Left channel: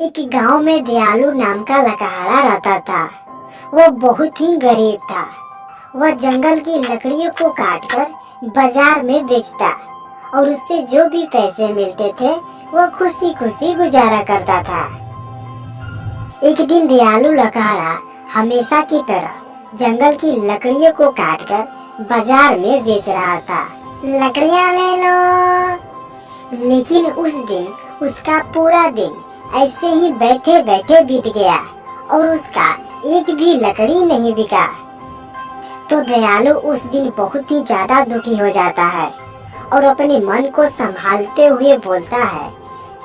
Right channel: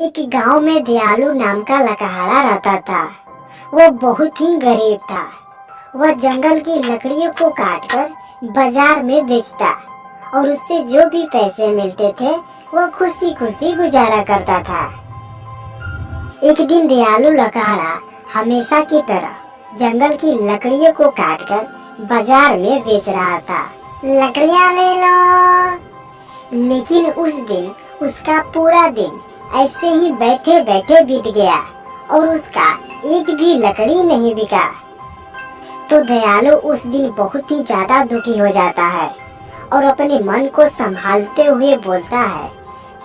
एक गांव में दयालु नाम का लकहाड़ा रहता था। वो बहुत ही गरीब था। वह जंगल की लकड़ियों को काटकर बाजार में बेचता और उससे जो भी पैसे मिलते थे वह खुशी खुशी गुजारा करता था। एक दिन दयालु लकहाड़ा हमेशा की तरह जंगल की लकड़ियों को काटकर बाजार में बेच रहा था। लकड़ियां ले लो। लेकिन उस दिन उसका पूरा दिन ऐसे ही बैठे बैठे बीत गया और उसका एक भी लकड़ी नहीं बिका। तो दयालु उस दिन बहुत ही ज्यादा दुखी हो जाता है और अपने मन को संभालते हुए बोलता है,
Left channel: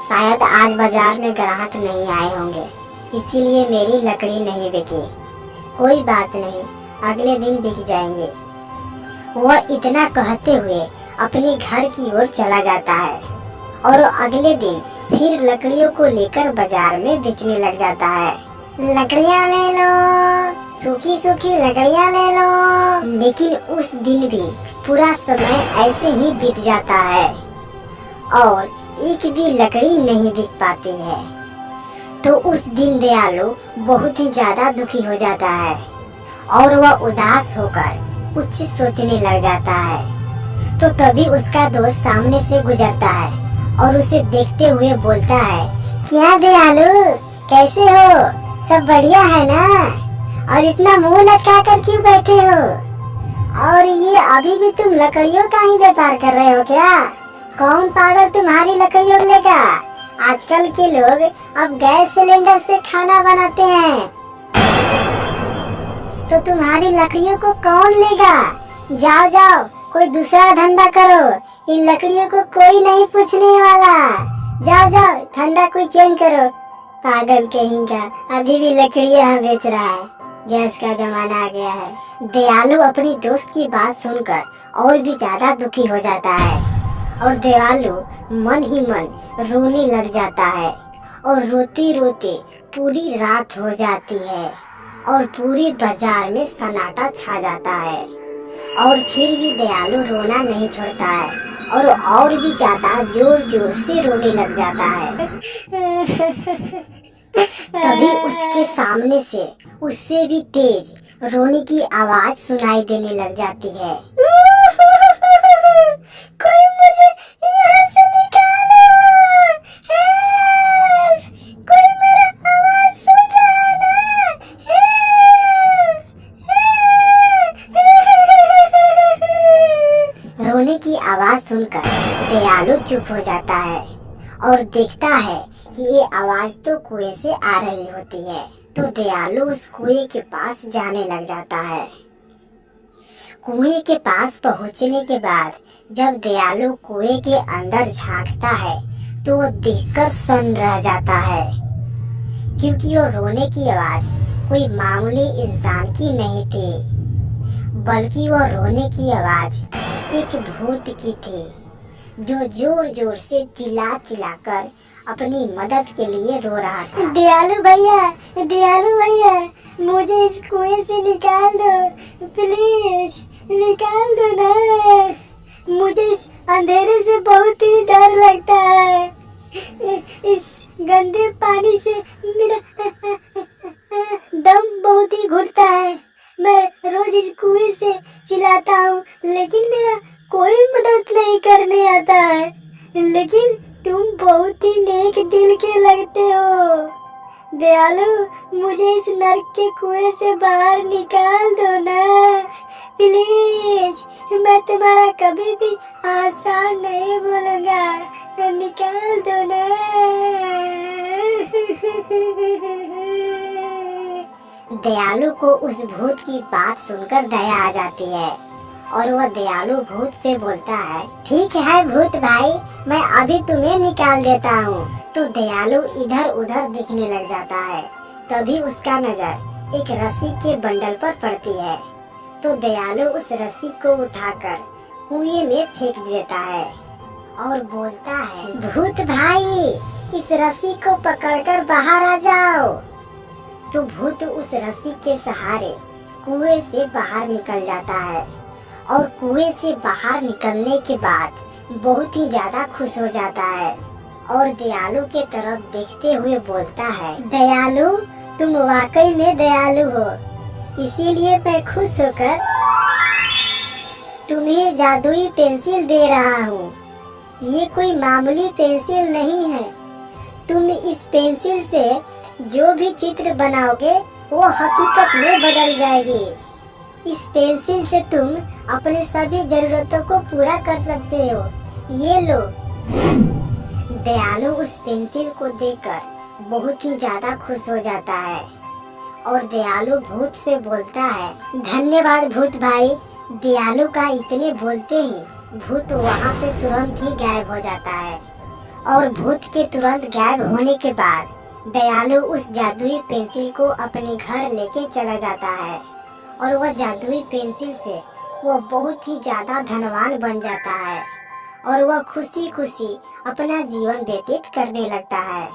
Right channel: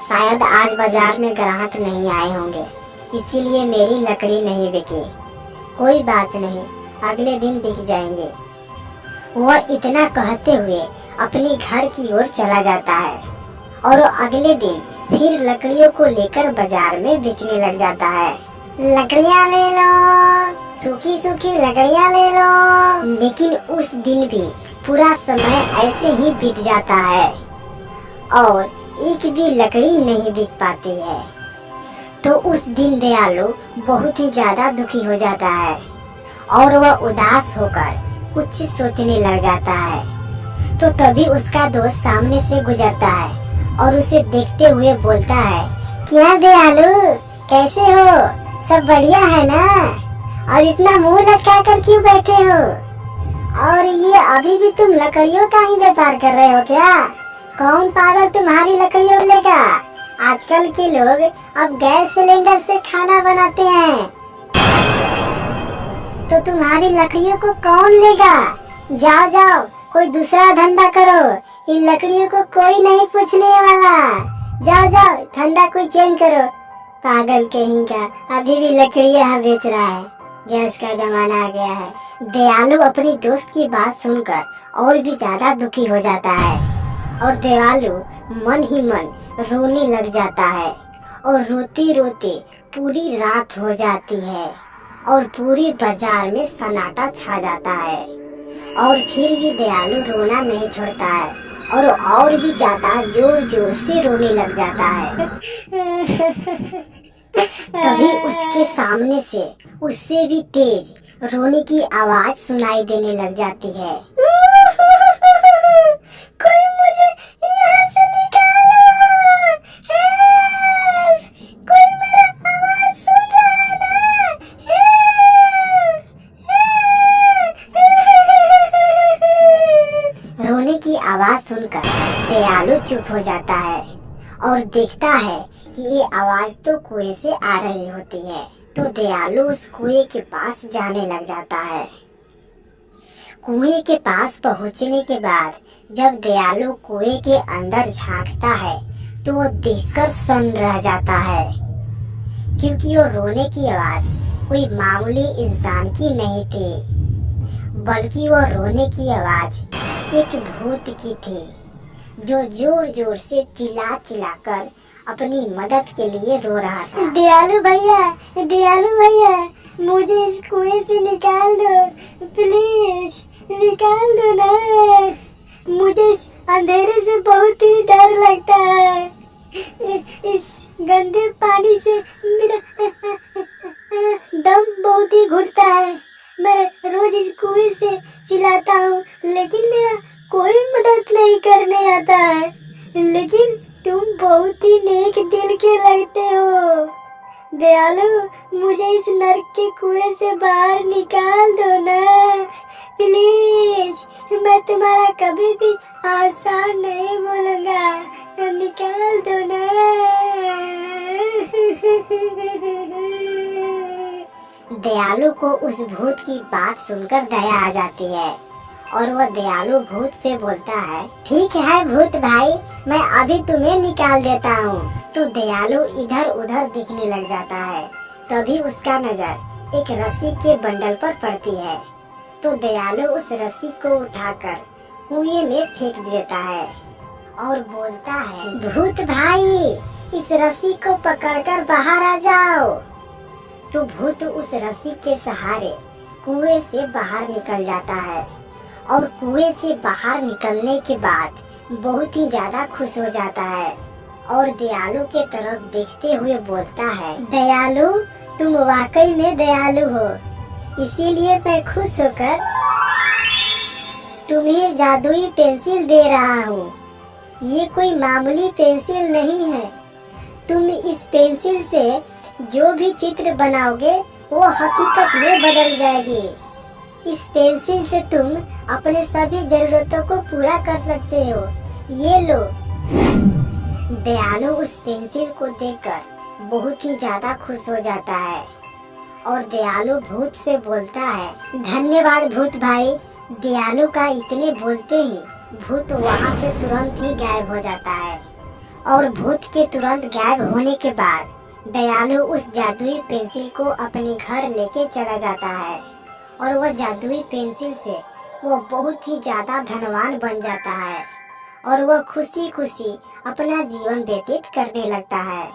शायद आज बाजार में ग्राहक नहीं आए होंगे, इसीलिए मेरी लकड़ी नहीं बिकी। कोई बात नहीं, अगले दिन बिक जाएंगे। वह इतना कहते हुए अपने घर की ओर चला जाता है और अगले दिन फिर लकड़ियों को लेकर बाजार में बेचने लग जाता है। लकड़ियां ले लो, सूखी सूखी लकड़ियां ले लो। लेकिन उस दिन भी पूरा समय ऐसे ही बीत जाता है और एक भी लकड़ी नहीं बिक पाती है। तो उस दिन दयालु बहुत ही ज्यादा दुखी हो जाता है और वह उदास होकर कुछ सोचने लग जाता है। तो तभी उसका दोस्त सामने से गुजरता है और उसे देखते हुए बोलता है, क्या दयालु, कैसे हो? सब बढ़िया है ना? और इतना मुंह लटका कर क्यों बैठे हो? और ये अभी भी तुम लकड़ियों का ही व्यापार कर रहे हो क्या? कौन पागल तुम्हारी लकड़ियों लेगा? आजकल के लोग अब गैस सिलेंडर से खाना बनाते हैं, तो तुम्हारी लकड़ियों को कौन लेगा? जाओ जाओ, कोई दूसरा धंधा करो, इन लकड़ियों को कोई नहीं पूछने वाला। जाओ जाओ, धंधा कोई चेंज करो। पागल कहीं का, अभी भी लकड़ियां बेच रहा है। गैस का जमाना आ गया है। दयालु अपनी दोस्त की बात सुनकर और भी ज्यादा दुखी हो जाता है और दयालु मन ही मन रोने लग जाता है और रोते रोते पूरी रात हो जाती है और पूरी बाजार में सन्नाटा छा जाता है। और फिर भी दयालु रोना नहीं छोड़ता है और भी ज्यादा जोर जोर से रोने लग जाता है। तभी उसके सामने से उससे भी तेज रोने की आवाज सुनाई देने लग जाती है। कोई मुझे यहाँ से निकालो! हेल्प! कोई मेरा आवाज सुन रहा है ना? हेल्प! रोने की आवाज सुनकर दयालु चुप हो जाता है और देखता है कि ये आवाज तो कुएं से आ रही होती है। तो दयालु उस कुएं के पास जाने लग जाता है। कुएं के पास पहुंचने के बाद जब दयालु कुएं के अंदर झांकता है तो वो देखकर सन्न रह जाता है, क्योंकि वो रोने की आवाज कोई मामूली इंसान की नहीं थी, बल्कि वो रोने की आवाज एक भूत की थी, जो जोर जोर से चिल्ला चिल्ला कर अपनी मदद के लिए रो रहा था। दयालु भैया, मुझे इस कुएं से निकाल दो, प्लीज निकाल दो ना। मुझे इस अंधेरे से बहुत ही डर लगता है। इस गंदे पानी से मेरा दम बहुत ही घुटता है। मैं रोज इस कुएं से चिल्लाता हूँ, लेकिन मेरा कोई मदद नहीं करने आता है। लेकिन तुम बहुत ही नेक दिल के लगते हो। दयालु, मुझे इस नर्क के कुएं से बाहर निकाल दो ना, प्लीज। मैं तुम्हारा कभी भी आसान नहीं बोलूँगा, तो निकाल दो ना। दयालु को उस भूत की बात सुनकर दया आ जाती है और वह दयालु भूत से बोलता है, ठीक है भूत भाई, मैं अभी तुम्हें निकाल देता हूँ। तो दयालु इधर उधर देखने लग जाता है। तभी उसका नजर एक रस्सी के बंडल पर पड़ती है। तो दयालु उस रस्सी को उठाकर कुएं में फेंक देता है और बोलता है, भूत भाई, इस रस्सी को पकड़कर बाहर आ जाओ। तो भूत उस रस्सी के सहारे कुएं से बाहर निकल जाता है और कुएं से बाहर निकलने के बाद बहुत ही ज्यादा खुश हो जाता है और दयालु के तरफ देखते हुए बोलता है, दयालु, तुम वाकई में दयालु हो, इसीलिए मैं खुश होकर तुम्हें जादुई पेंसिल दे रहा हूँ। ये कोई मामूली पेंसिल नहीं है। तुम इस पेंसिल से जो भी चित्र बनाओगे वो हकीकत में बदल जाएगी। इस पेंसिल से तुम अपने सभी जरूरतों को पूरा कर सकते हो। ये लो। दयालु उस पेंसिल को देखकर बहुत ही ज्यादा खुश हो जाता है और दयालु भूत से बोलता है, धन्यवाद भूत भाई। दयालु का इतने बोलते ही भूत वहाँ से तुरंत ही गायब हो जाता है और भूत के तुरंत गायब होने के बाद दयालु उस जादुई पेंसिल को अपने घर लेके चला जाता है और वह जादुई पेंसिल से वो बहुत ही ज्यादा धनवान बन जाता है और वह खुशी खुशी अपना जीवन व्यतीत करने लगता है।